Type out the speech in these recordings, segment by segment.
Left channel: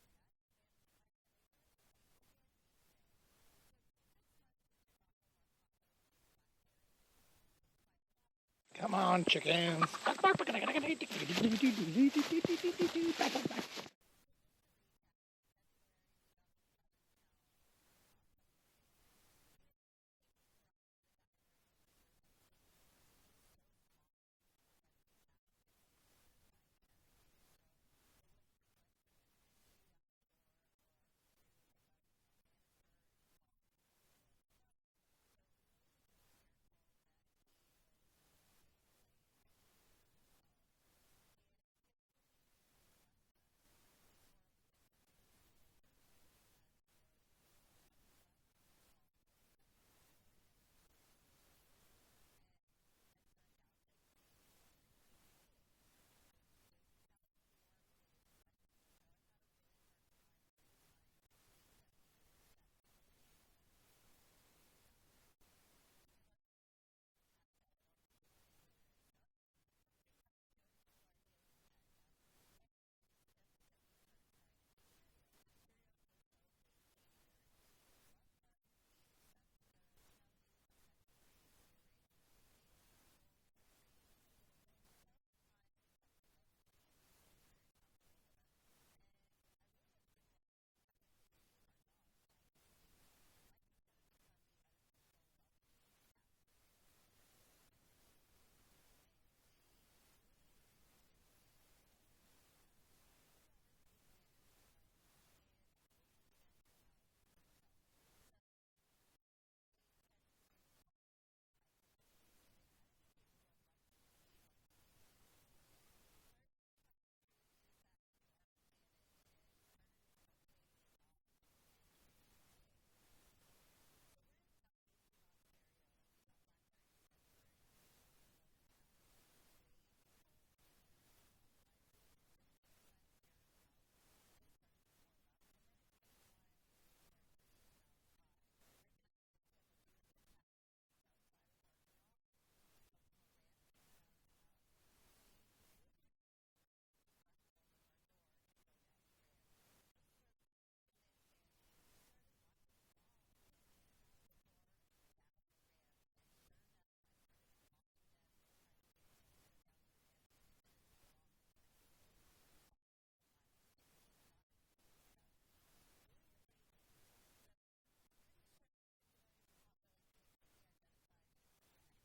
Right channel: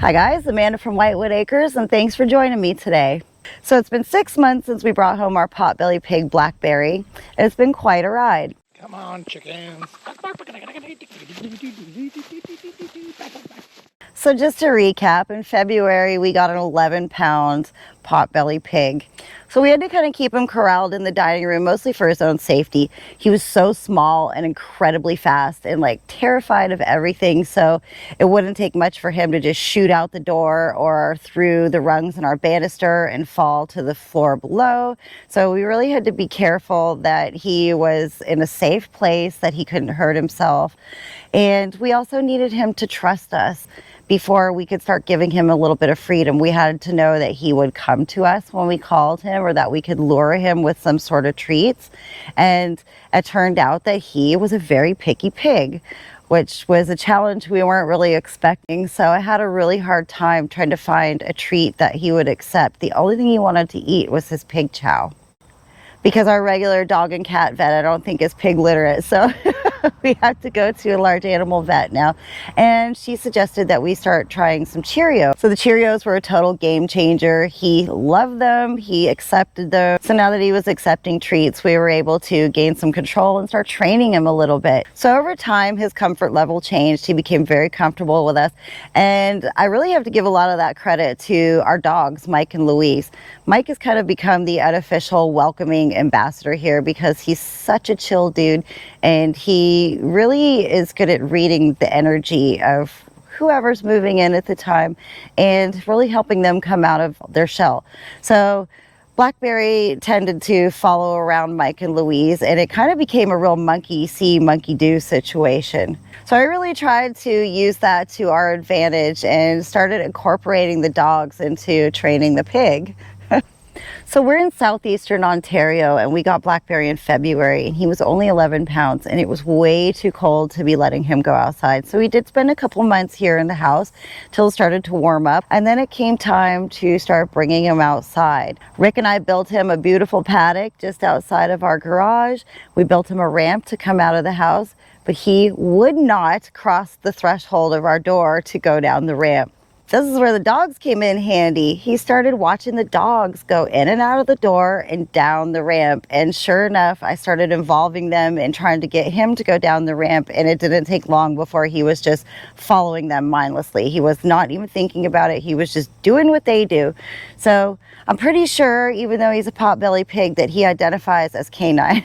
Hi guys, Amanda from Whitewood Acres, and thanks for joining me today. So it's been 6 months since we brought home our potbelly pig, Blackberry, and it's been quite a ride. Come on, chickens. So just to recap, in February we got an 11-pound potbelly pig. So we had to kind of keep him corralled in the dining room, mostly for his own safety. He was so small and incredibly fast and like terrified of everything. So it wouldn't take much for him to just shoot out the door or through the rungs in our banister and fall to the floor below. So we really had to be careful that he was in a safe place, that he couldn't hurt himself. And we also needed him to trust us. Before we could start giving him a little bit of freedom, we had to know that he would come to us when we called him, or that we could lure him with some sort of treats. And it turned out that he was a very picky pig, which was a challenge we weren't really expecting. So I had a really hard time trying to find a treat that he would accept. The only thing he wanted to eat was his pig chow, because our regular dog and cat vet, I don't think, is pig literate. So we have to go to a large animal vet now. And she suggested that we start trying some Cheerios. So the Cheerios were a total game changer. He loved them, he accepted them. So now that he was accepting treats, we were able to gain some control and start training him a little bit. So over time, his comfort level changed. He became very comfortable with us. And I really have to give a lot of that credit to our dogs, Mike and Louise. Mike has kind of become the unofficial welcoming ambassador here, because he's such a chill dude, and he really is good at reading the energy of whoever's moving in at the time and really helping them come out of their shell. So Blackberry tended to follow around Mike and Louise, and it kind of became a real monkey see, monkey do situation. So I really tried to use that to our advantage and started incorporating the dogs into training the pig. So we're in southeastern Ontario, and we got Blackberry in February, and he was only 11 pounds, and it was way too cold to be letting him go outside. So we did spend a couple months here in the house till it started to warm up, and then it came time to start bringing him outside. Rick and I built him a beautiful paddock just outside of our garage. We built him a ramp to come out of the house, but he would not cross the threshold of our door to go down the ramp. This is where the dogs came in handy. He started watching the dogs go in and out of the door and down the ramp. And sure enough, I started involving them in trying to get him to go down the ramp. And it didn't take long before he was just following them mindlessly. He was not even thinking about it. He was just doing what they do. So I'm pretty sure, even though he's a potbelly pig, that he identifies as canine.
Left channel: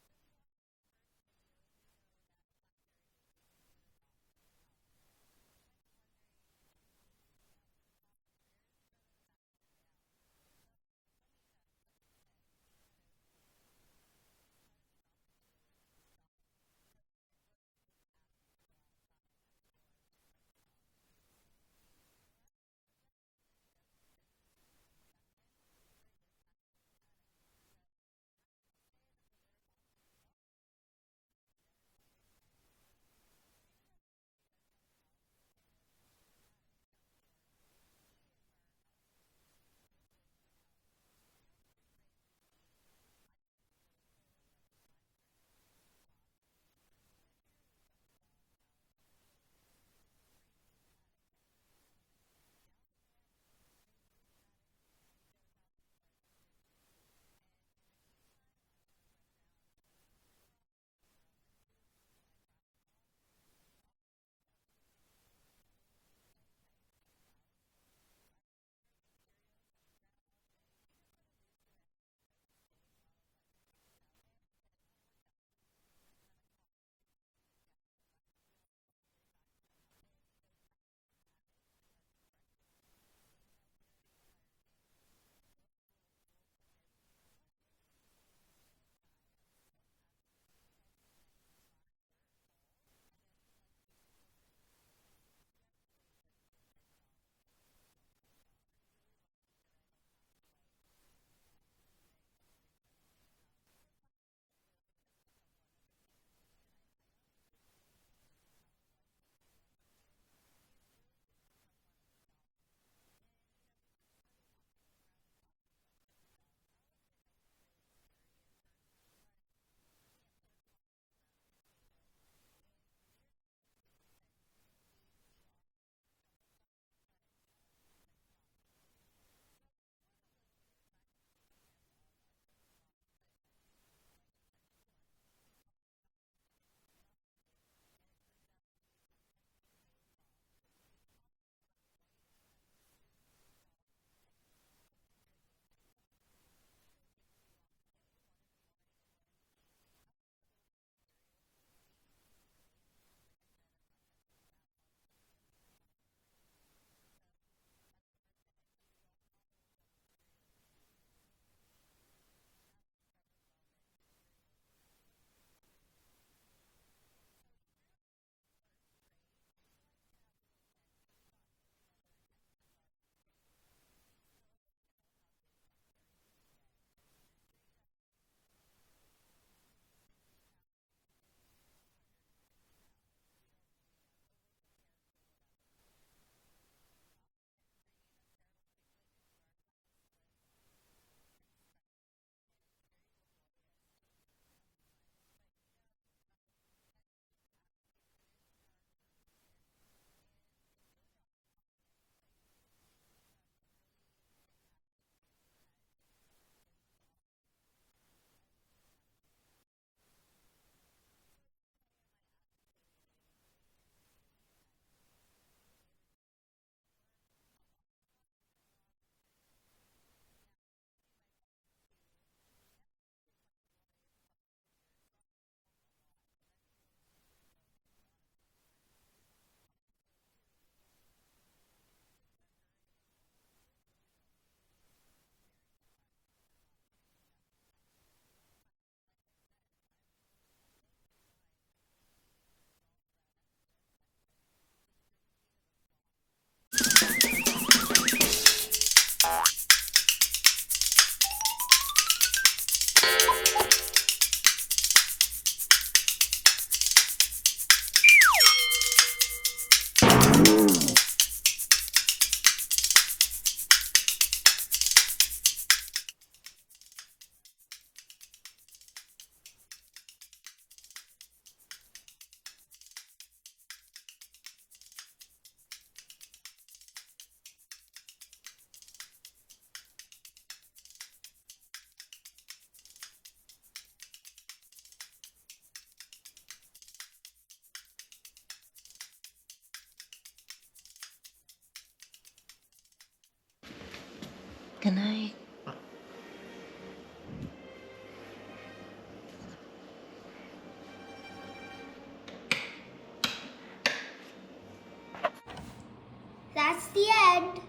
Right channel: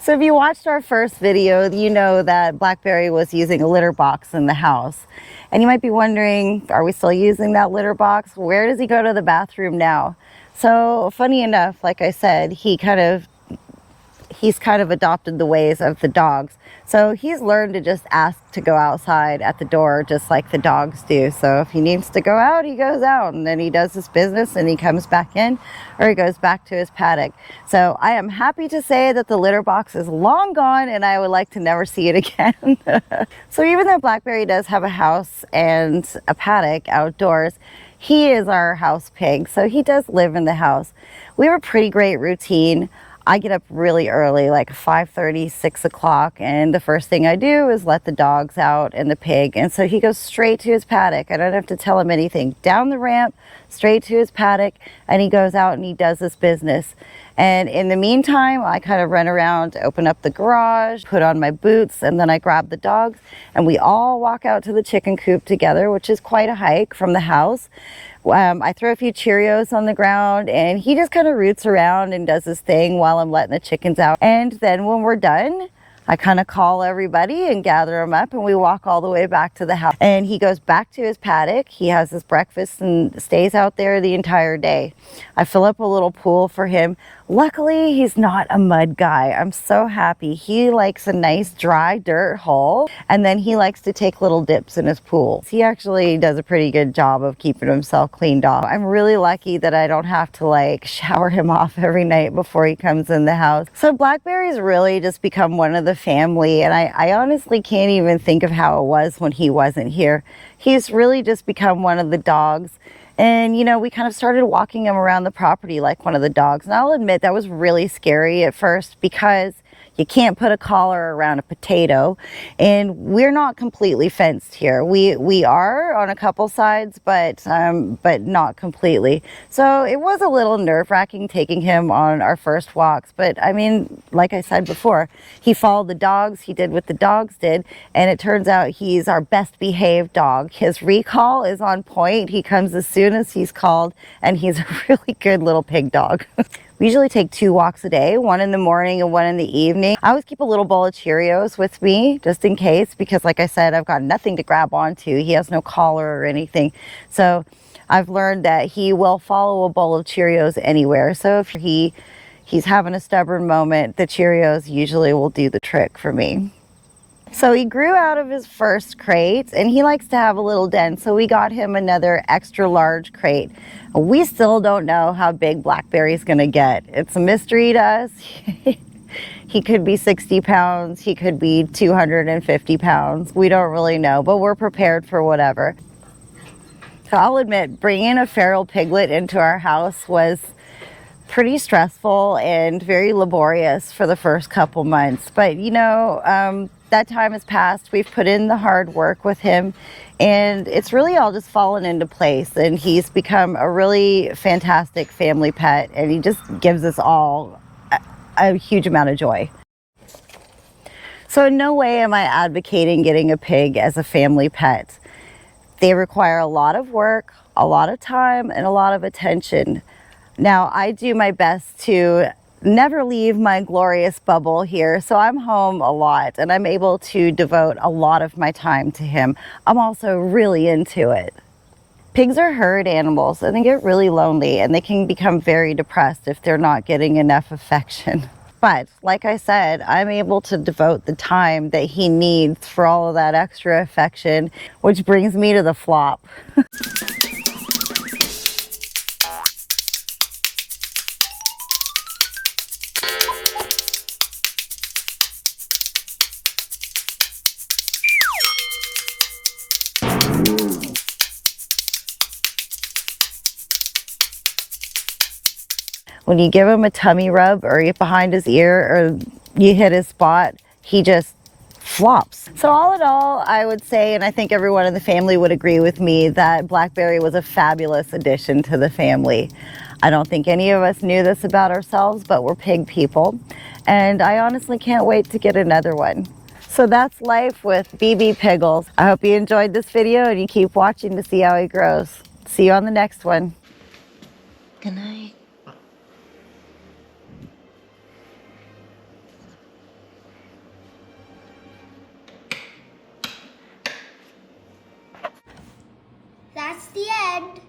So if you watched our first video, you know that Blackberry was using a litter box in the house. And you might be wondering, are we still using that litter box? Where does he go to the bathroom now? So funny enough, like I said, he's kind of adopted the ways of the dogs. So he's learned to just ask to go outside at the door, just like the dogs do. So if he needs to go out, he goes out, and then he does his business and he comes back in, or he goes back to his paddock. So I am happy to say that the litter box is long gone, and I would like to never see it again. So even though Blackberry does have a house and a paddock outdoors, he is our house pig, so he does live in the house. We have a pretty great routine. I get up really early, like 5:30, 6 o'clock, and the first thing I do is let the dogs out and the pig. And so he goes straight to his paddock. I don't have to tell him anything. Down the ramp, straight to his paddock, and he goes out and he does his business. And in the meantime, I kind of run around, open up the garage, put on my boots, and then I grab the dogs, and we all walk out to the chicken coop together, which is quite a hike from the house. I throw a few Cheerios on the ground, and he just kind of roots around and does his thing while I'm letting the chickens out. And then when we're done, I kind of call everybody and gather them up, and we walk all the way back to the house. And he goes back to his paddock. He has his breakfast and stays out there the entire day. I fill up a little pool for him. Luckily, he's not a mud guy. I'm so happy. He likes a nice dry dirt hole, and then he likes to take little dips in his pool. He actually does a pretty good job of keeping himself cleaned off. I'm really lucky that I don't have to like shower him off every night before he comes in the house. So Blackberry's really just become one of the family, and I honestly can't even think of how it was when he wasn't here. He's really just become one of the dogs. And, you know, we kind of started walking him around the property like one of the dogs. And I'll admit that was really scary at first, because you can't put a collar around a potato, and we're not completely fenced here. We are better on a couple sides, but not completely. So it was a little nerve-wracking taking him on our first walks, but I mean, like I said before, he followed the dogs, he did what the dogs did, and it turns out he's our best behaved dog. His recall is on point. He comes as soon as he's called, and he's a really good little pig dog. We usually take 2 walks a day, one in the morning and one in the evening. I always keep a little bowl of Cheerios with me just in case, because like I said, I've got nothing to grab onto. He has no collar or anything. So I've learned that he will follow a bowl of Cheerios anywhere. So if he's having a stubborn moment, the Cheerios usually will do the trick for me. So he grew out of his first crate and he likes to have a little den. So we got him another extra large crate. We still don't know how big Blackberry's gonna get. It's a mystery to us. He could be 60 pounds, he could be 250 pounds. We don't really know, but we're prepared for whatever. So I'll admit, bringing a feral piglet into our house was pretty stressful and very laborious for the first couple months. But you know, that time has passed. We've put in the hard work with him and it's really all just fallen into place, and he's become a really fantastic family pet, and he just gives us all a huge amount of joy. So in no way am I advocating getting a pig as a family pet. They require a lot of work, a lot of time, and a lot of attention. Now, I do my best to never leave my glorious bubble here, so I'm home a lot and I'm able to devote a lot of my time to him. I'm also really into it. Pigs are herd animals and they get really lonely and they can become very depressed if they're not getting enough affection. But like I said, I'm able to devote the time that he needs for all of that extra affection, which brings me to the flop. When you give him a tummy rub or you behind his ear or you hit his spot, he just flops. So all in all, I would say, and I think everyone in the family would agree with me, that Blackberry was a fabulous addition to the family. I don't think any of us knew this about ourselves, but we're pig people. And I honestly can't wait to get another one. So that's life with BB Piggles. I hope you enjoyed this video and you keep watching to see how he grows. See you on the next one. Good night. That's the end.